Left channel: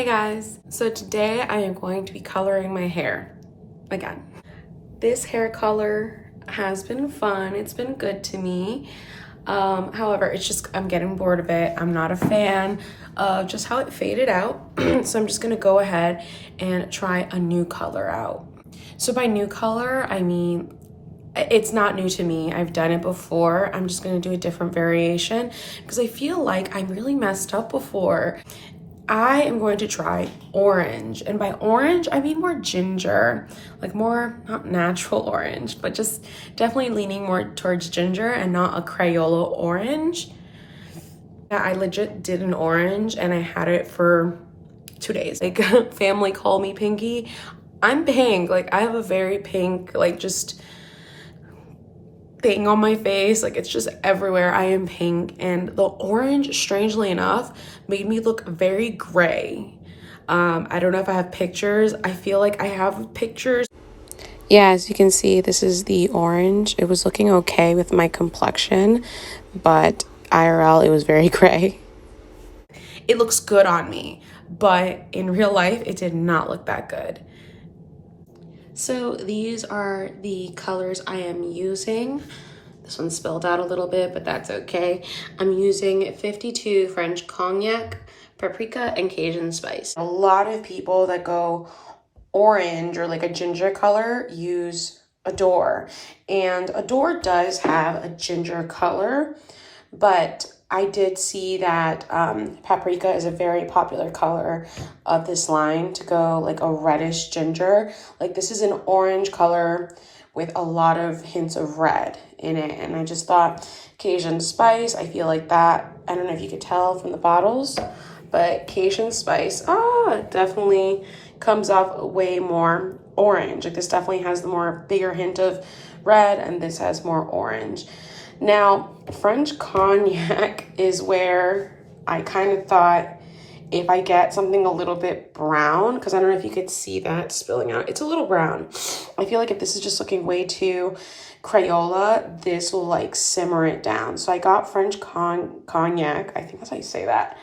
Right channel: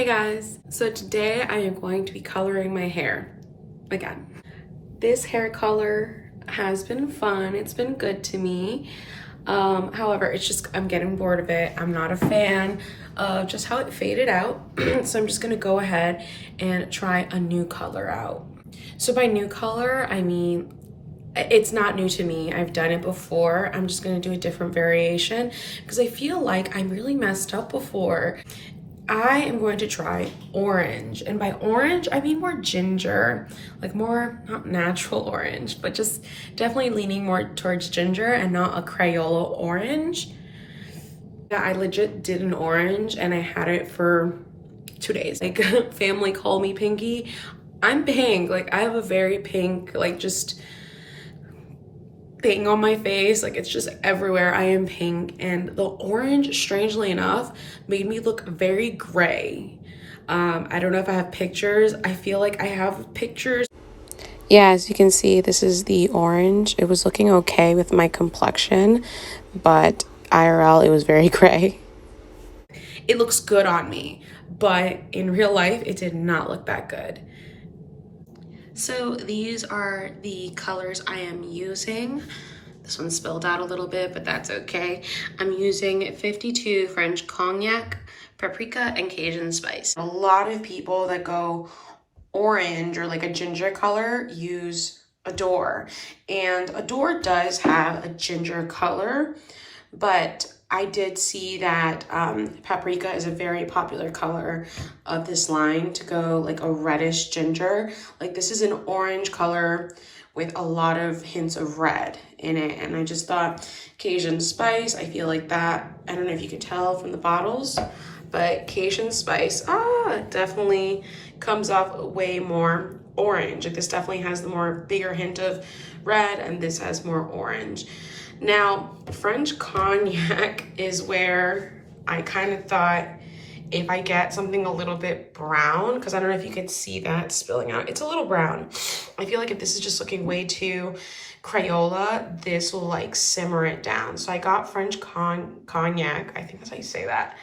Hey guys, so today I am going to be coloring my hair again. This hair color has been fun, it's been good to me. However, it's just, I'm getting bored of it. I'm not a fan of just how it faded out. So I'm just gonna go ahead and try a new color out. So by new color, I mean, it's not new to me. I've done it before. I'm just gonna do a different variation because I feel like I really messed up before. I am going to try orange, and by orange I mean more ginger, like more not natural orange, but just definitely leaning more towards ginger and not a Crayola orange. Yeah, I legit did an orange and I had it for 2 days. Like family call me Pinky. I'm pink, like I have a very pink, like just thing on my face, like it's just everywhere. I am pink, and the orange, strangely enough, made me look very gray. I don't know if I have pictures. I feel like I have pictures. Yeah, as you can see, this is the orange. It was looking okay with my complexion, but IRL, it was very gray. It looks good on me, but in real life, it did not look that good. So these are the colors I am using. This one spilled out a little bit, but that's okay. I'm using 52 French Cognac, Paprika, and Cajun Spice. A lot of people that go orange or like a ginger color use Adore. And Adore does have a ginger color, but I did see that Paprika is a very popular color of this line to go like a reddish ginger. Like this is an orange color with a lot of hints of red in it. And I just thought Cajun Spice, I feel like that, I don't know if you could tell from the bottles, but Cajun Spice, definitely comes off way more orange. Like this definitely has the more bigger hint of red, and this has more orange. Now, French Cognac is where I kind of thought if I get something a little bit brown, because I don't know if you could see that spilling out. It's a little brown. I feel like if this is just looking way too Crayola, this will like simmer it down. So I got French Cognac, I think that's how you say that,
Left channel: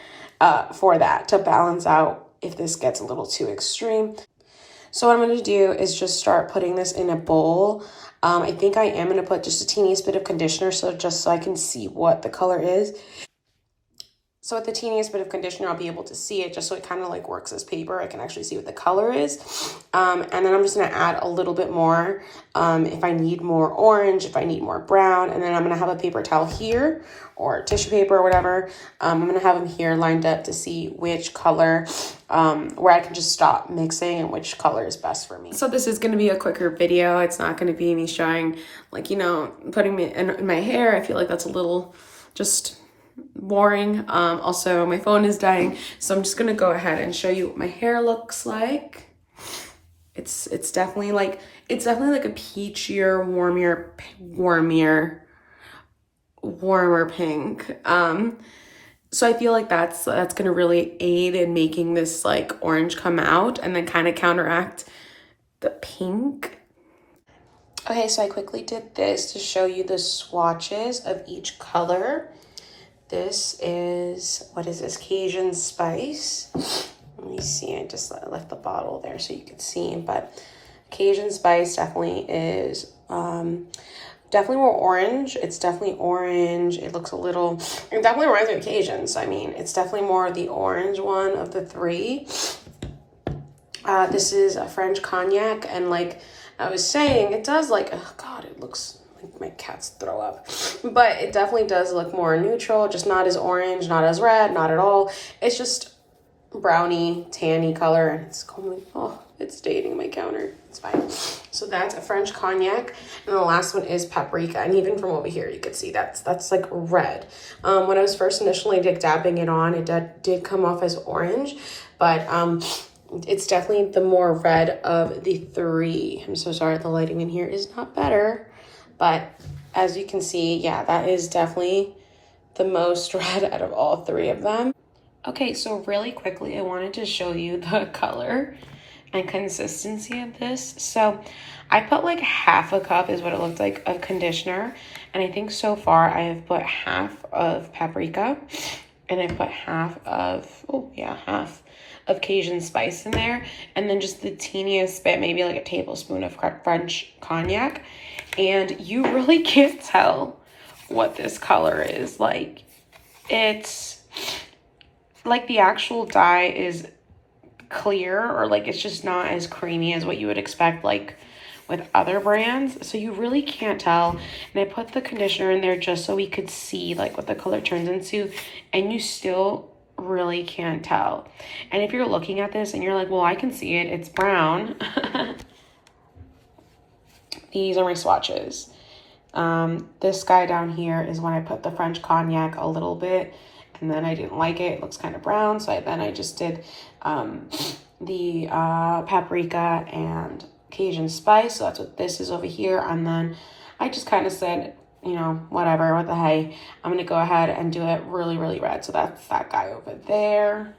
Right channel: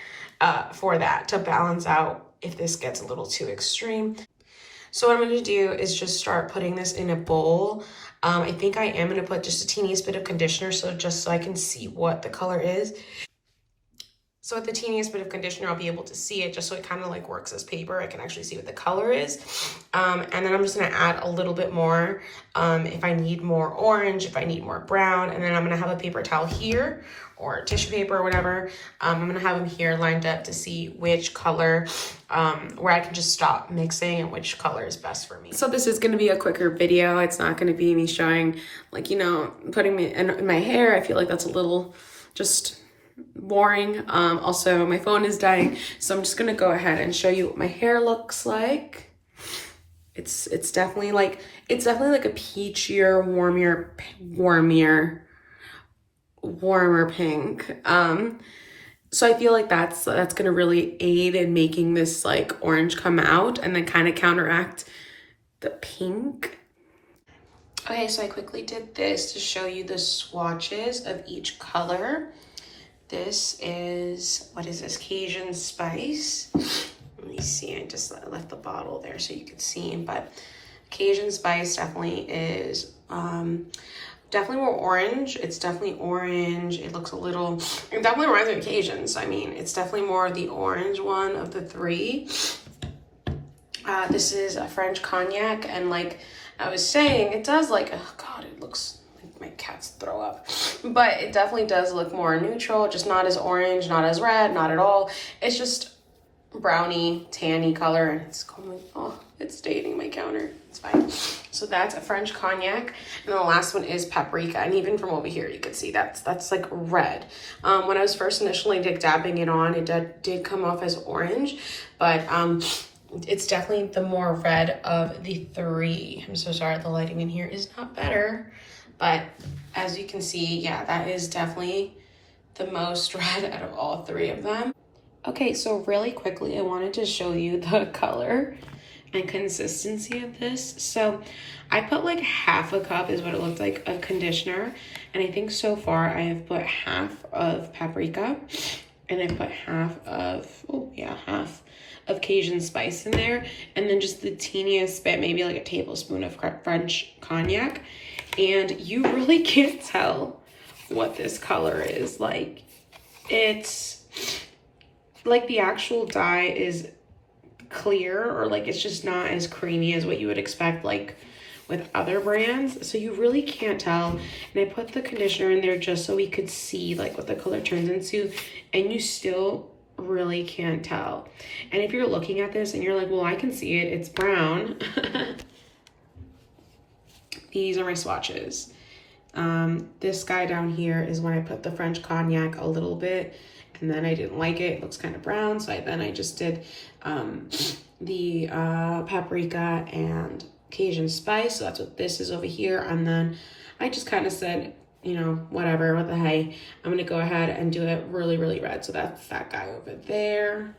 for that, to balance out if this gets a little too extreme. So what I'm going to do is just start putting this in a bowl. I think I am going to put just a teeniest bit of conditioner, so just so I can see what the color is. So with the teeniest bit of conditioner, I'll be able to see it just so it kind of like works as paper. I can actually see what the color is. And then I'm just going to add a little bit more if I need more orange, if I need more brown. And then I'm going to have a paper towel here or tissue paper or whatever. I'm going to have them here lined up to see which color, where I can just stop mixing and which color is best for me. So this is going to be a quicker video. It's not going to be me showing, like, you know, putting me in my hair. I feel like that's a little just boring. Also my phone is dying, so I'm just gonna go ahead and show you what my hair looks like. It's definitely like a peachier, warmer pink. So I feel like that's gonna really aid in making this like orange come out and then kind of counteract the pink. Okay, so I quickly did this to show you the swatches of each color. This is, what is this, Cajun Spice. Let me see, I just left the bottle there so you could see, but Cajun Spice definitely is, definitely more orange. It's definitely orange. It looks a little, it definitely reminds me of Cajuns. I mean, it's definitely more the orange one of the three. This is a French Cognac, and like I was saying, it does like, oh God, it looks like my cats throw up, but it definitely does look more neutral, just not as orange, not as red, not at all. It's just browny, tanny color, and it's going, oh, it's staining my counter. It's fine. So that's a French Cognac, and the last one is Paprika, and even from over here, you could see that's like red. When I was first initially dabbing it on, it did come off as orange, but it's definitely the more red of the three. I'm so sorry, the lighting in here is not better. But as you can see, yeah, that is definitely the most red out of all three of them. Okay, so really quickly, I wanted to show you the color and consistency of this. So I put like half a cup is what it looked like of conditioner. And I think so far I have put half of Paprika, and I put half of, half of Cajun spice in there, and then just the teeniest bit, maybe like a tablespoon of French cognac, and you really can't tell what this color is. Like, it's like the actual dye is clear, or like it's just not as creamy as what you would expect like with other brands, so you really can't tell. And I put the conditioner in there just so we could see like what the color turns into, and you still really can't tell. And if you're looking at this and you're like, well, I can see it, it's brown. These are my swatches. This guy down here is when I put the French cognac a little bit, and then I didn't like it. It looks kind of brown, so I just did the paprika and Cajun spice. So that's what this is over here. And then I just kind of said, you know, whatever, what the hey, I'm gonna go ahead and do it really, really red. So that's that guy over there.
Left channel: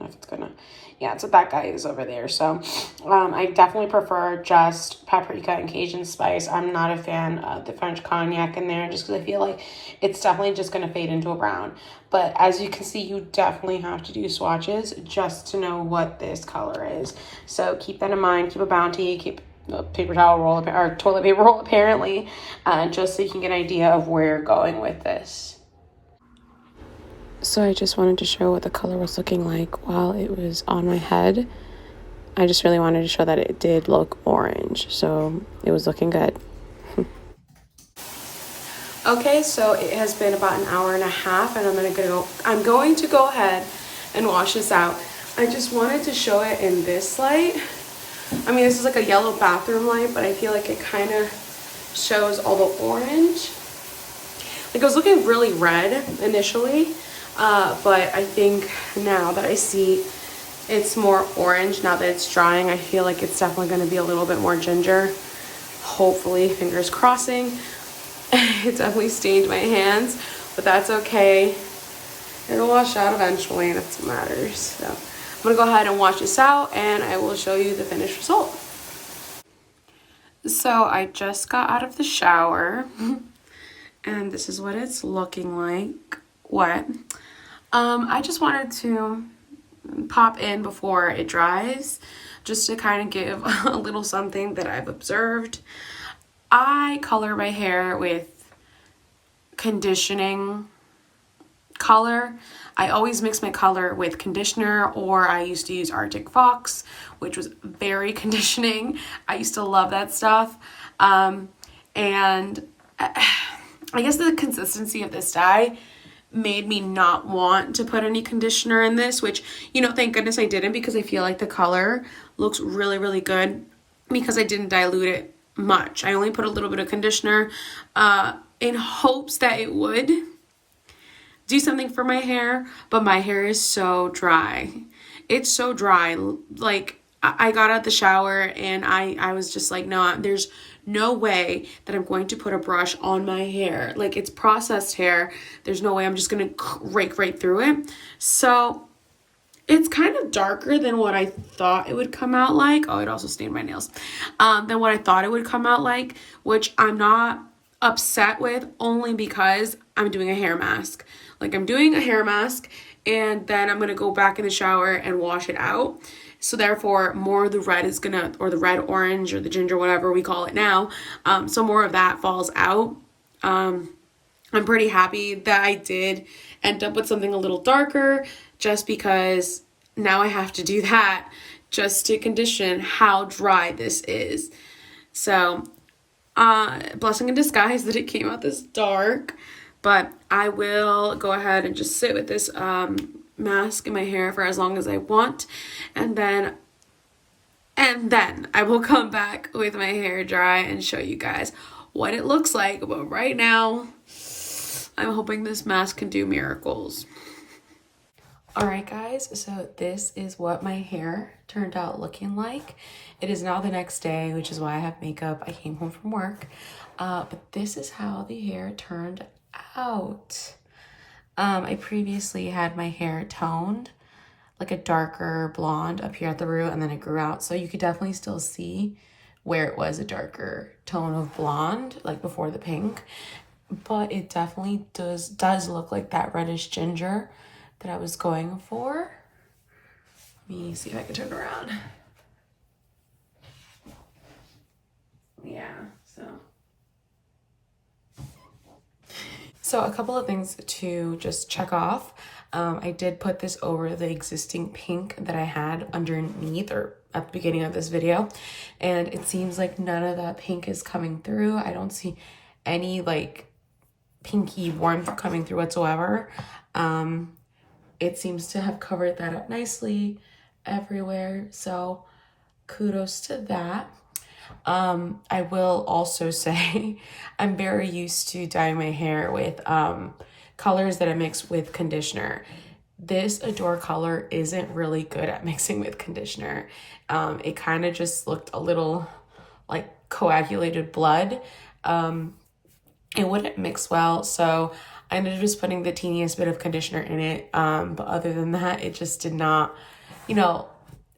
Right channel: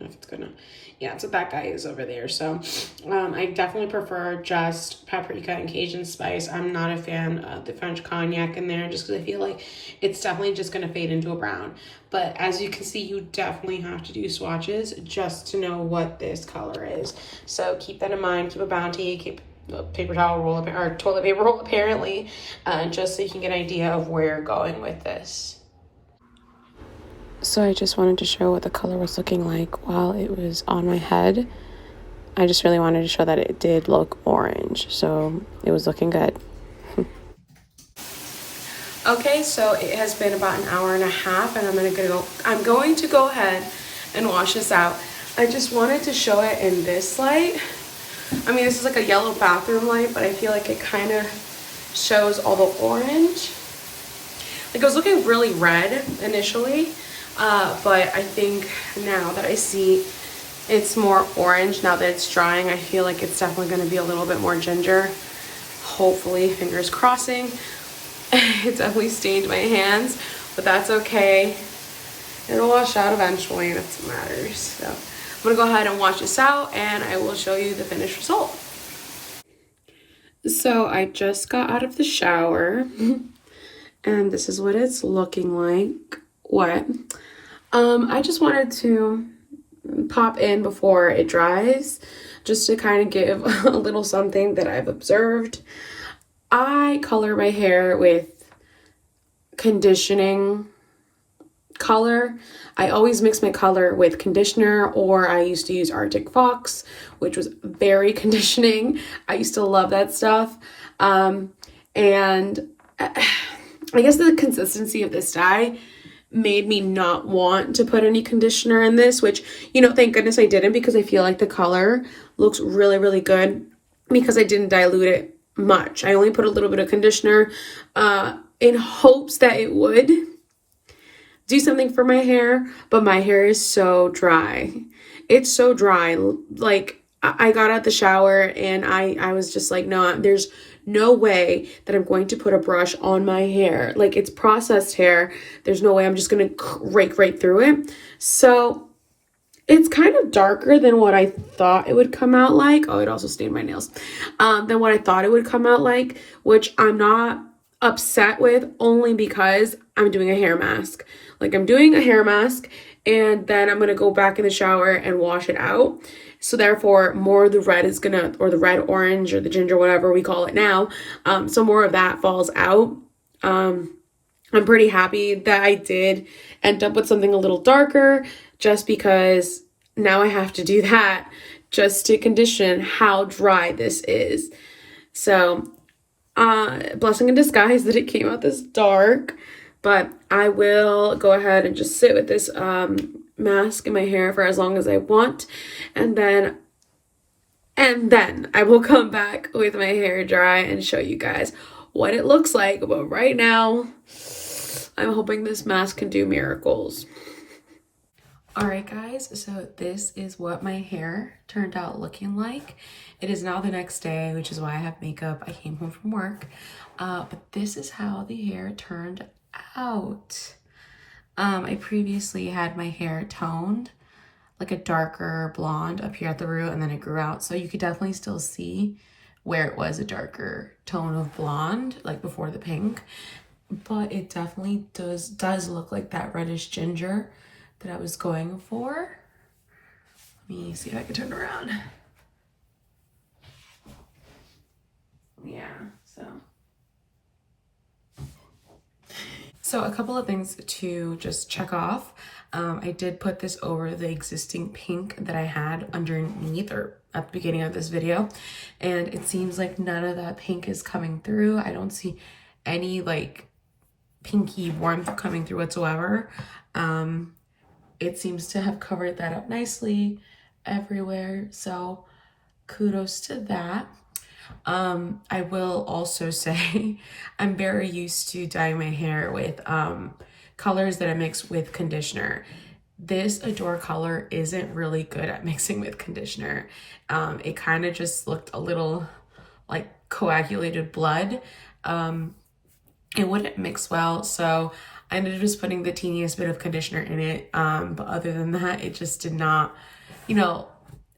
If it's gonna, yeah, that's what that guy is over there. So I definitely prefer just paprika and Cajun spice. I'm not a fan of the French cognac in there, just because I feel like it's definitely just gonna fade into a brown. But as you can see, you definitely have to do swatches just to know what this color is. So keep that in mind. Keep a bounty. Keep a paper towel roll or toilet paper roll, apparently, just so you can get an idea of where you're going with this. So I just wanted to show what the color was looking like while it was on my head. I just really wanted to show that it did look orange, so it was looking good. Okay, so it has been about an hour and a half, and I'm going to go ahead and wash this out. I just wanted to show it in this light. I mean, this is like a yellow bathroom light, but I feel like it kind of shows all the orange. Like, it was looking really red initially, but I think now that I see it's more orange, now that it's drying, I feel like it's definitely going to be a little bit more ginger. Hopefully, fingers crossing. It definitely stained my hands, but that's okay. It'll wash out eventually, and that's what matters. So I'm gonna go ahead and wash this out, and I will show you the finished result. So I just got out of the shower, and this is what it's looking like, wet. I just wanted to pop in before it dries, just to kind of give a little something that I've observed. I color my hair with conditioning color. I always mix my color with conditioner, or I used to use Arctic Fox, which was very conditioning. I used to love that stuff. And I guess the consistency of this dye made me not want to put any conditioner in this, which, you know, thank goodness I didn't, because I feel like the color looks really, really good because I didn't dilute it much. I only put a little bit of conditioner in hopes that it would do something for my hair, but my hair is so dry. It's so dry. Like, I got out the shower and I was just like, no, there's no way that I'm going to put a brush on my hair. Like, it's processed hair. There's no way I'm just going to rake right through it. So it's kind of darker than what I thought it would come out like. Oh, it also stained my nails. Than what I thought it would come out like, which I'm not upset with, only because I'm doing a hair mask. Like, I'm doing a hair mask, and then I'm going to go back in the shower and wash it out. So therefore, more of the red is going to, or the red, orange, or the ginger, whatever we call it now. So more of that falls out. I'm pretty happy that I did end up with something a little darker, just because now I have to do that just to condition how dry this is. So, blessing in disguise that it came out this dark, but I will go ahead and just sit with this mask in my hair for as long as I want, and then I will come back with my hair dry and show you guys what it looks like. But right now, I'm hoping this mask can do miracles. All right, guys, so this is what my hair turned out looking like. It is now the next day, which is why I have makeup. I came home from work, but this is how the hair turned out. I previously had my hair toned, like a darker blonde up here at the root, and then it grew out. So you could definitely still see where it was a darker tone of blonde, like before the pink. But it definitely does look like that reddish ginger that I was going for. Let me see if I can turn around. Yeah, so a couple of things to just check off. I did put this over the existing pink that I had underneath or at the beginning of this video, and it seems like none of that pink is coming through. I don't see any like pinky warmth coming through whatsoever. It seems to have covered that up nicely everywhere, so kudos to that. I will also say I'm very used to dyeing my hair with colors that I mix with conditioner. This Adore color isn't really good at mixing with conditioner. It kind of just looked a little like coagulated blood. It wouldn't mix well, so I ended up just putting the teeniest bit of conditioner in it. But other than that, it just did not, you know,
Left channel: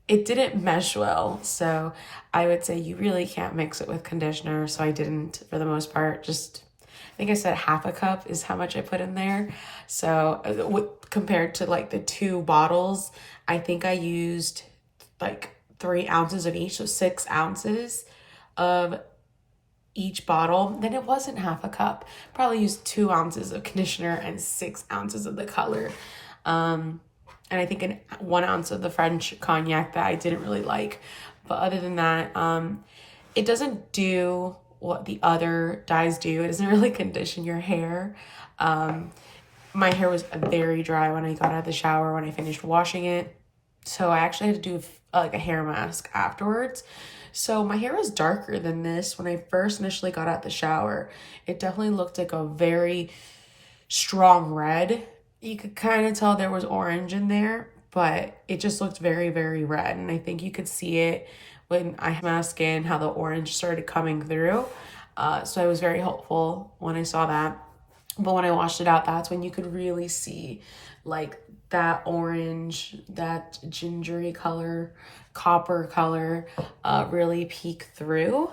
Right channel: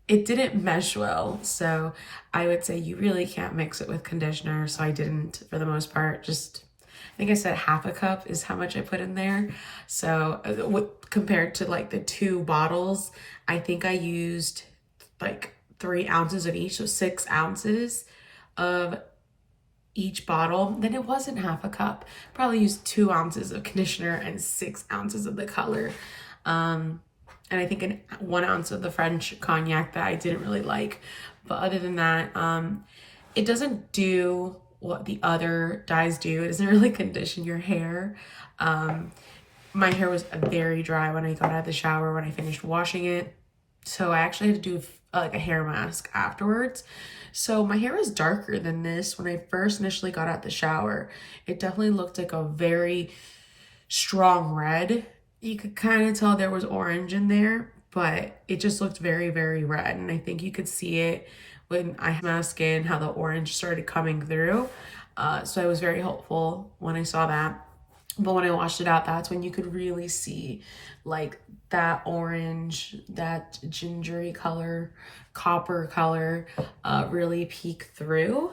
it didn't mesh well. So I would say you really can't mix it with conditioner. So I didn't, for the most part. Just, I think I said half a cup is how much I put in there. So compared to like the 2 bottles, I think I used like 3 ounces of each, so 6 ounces of each bottle. Then it wasn't half a cup. Probably used 2 ounces of conditioner and 6 ounces of the color. And I think 1 ounce of the French cognac that I didn't really like. But other than that, it doesn't do what the other dyes do. It doesn't really condition your hair. My hair was very dry when I got out of the shower, when I finished washing it. So I actually had to do like a hair mask afterwards. So my hair is darker than this. When I first initially got out the shower, it definitely looked like a very strong red. You could kind of tell there was orange in there, but it just looked very, very red. And I think you could see it when I had my skin, how the orange started coming through. So I was very hopeful when I saw that. But when I washed it out, that's when you could really see like that orange, that gingery color, copper color really peek through.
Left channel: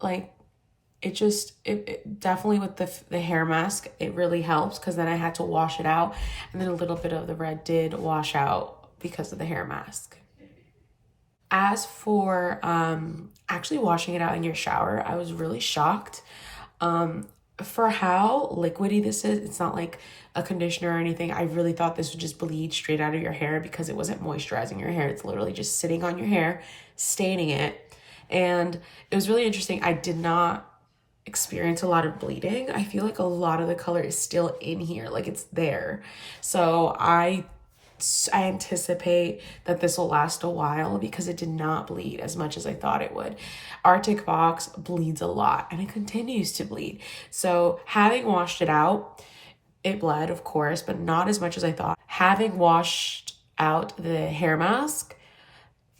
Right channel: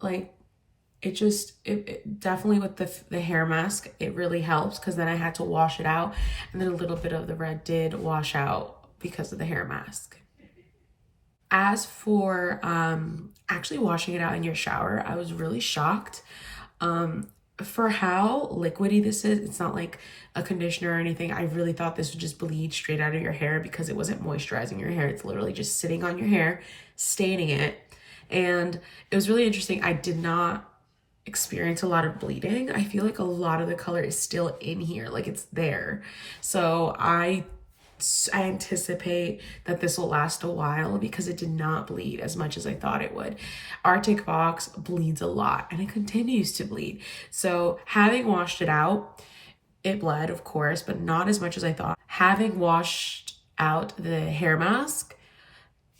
Like it definitely with the hair mask, it really helps, because then I had to wash it out, and then a little bit of the red did wash out because of the hair mask. As for actually washing it out in your shower, I was really shocked. For how liquidy this is, it's not like a conditioner or anything. I really thought this would just bleed straight out of your hair because it wasn't moisturizing your hair. It's literally just sitting on your hair, staining it. And it was really interesting. I did not experience a lot of bleeding. I feel like a lot of the color is still in here, like it's there. So I anticipate that this will last a while because it did not bleed as much as I thought it would. Arctic Fox bleeds a lot and it continues to bleed. So having washed it out, it bled, of course, but not as much as I thought. Having washed out the hair mask,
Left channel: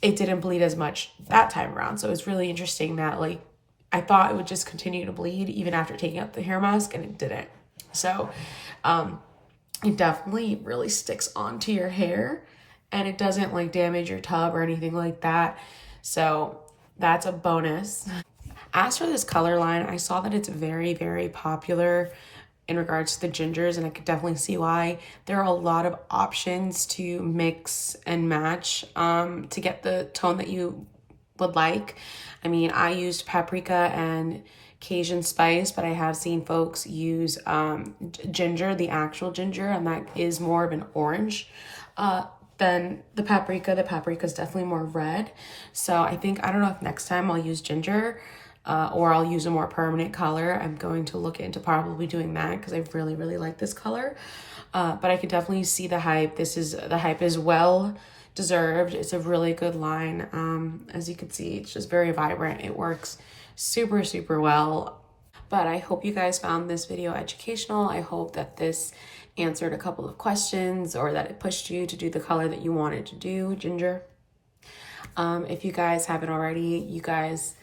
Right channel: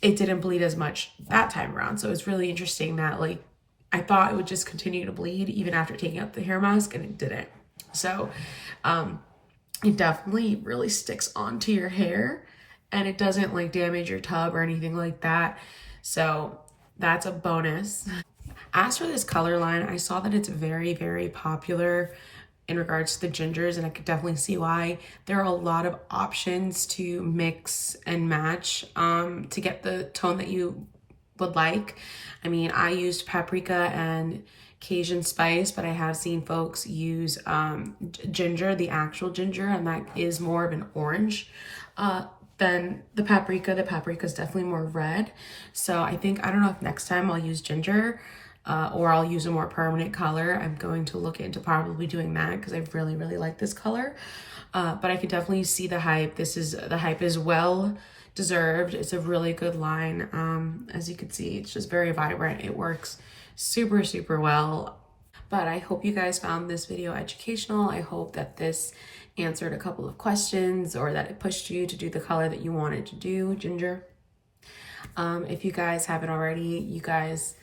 it didn't bleed as much that time around. So it's really interesting that like I thought it would just continue to bleed even after taking out the hair mask, and it didn't. So it definitely really sticks onto your hair, and it doesn't like damage your tub or anything like that. So that's a bonus. As for this color line, I saw that it's very, very popular in regards to the gingers, and I could definitely see why. There are a lot of options to mix and match to get the tone that you would like. I mean, I used paprika and Cajun spice, but I have seen folks use ginger, the actual ginger, and that is more of an orange than the paprika. The paprika is definitely more red. So I don't know if next time I'll use ginger or I'll use a more permanent color. I'm going to look into probably doing that because I really, really like this color. But I could definitely see the hype. The hype is well deserved. It's a really good line. As you can see, it's just very vibrant. It works super, super well. But I hope you guys found this video educational. I hope that this answered a couple of questions, or that it pushed you to do the color that you wanted to do, ginger. If you guys haven't already, you guys,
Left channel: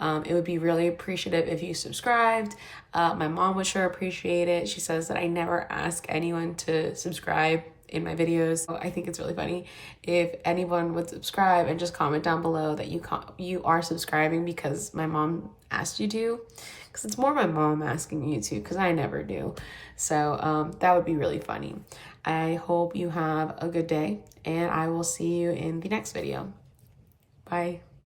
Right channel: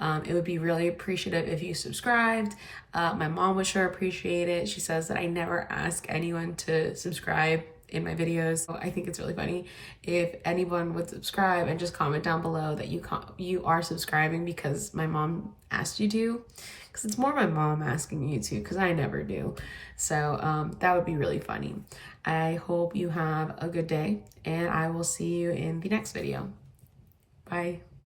it would be really appreciative if you subscribed. My mom would sure appreciate it. She says that I never ask anyone to subscribe in my videos. So I think it's really funny if anyone would subscribe and just comment down below that you are subscribing because my mom asked you to, because it's more my mom asking you to, because I never do. So that would be really funny. I hope you have a good day, and I will see you in the next video. Bye.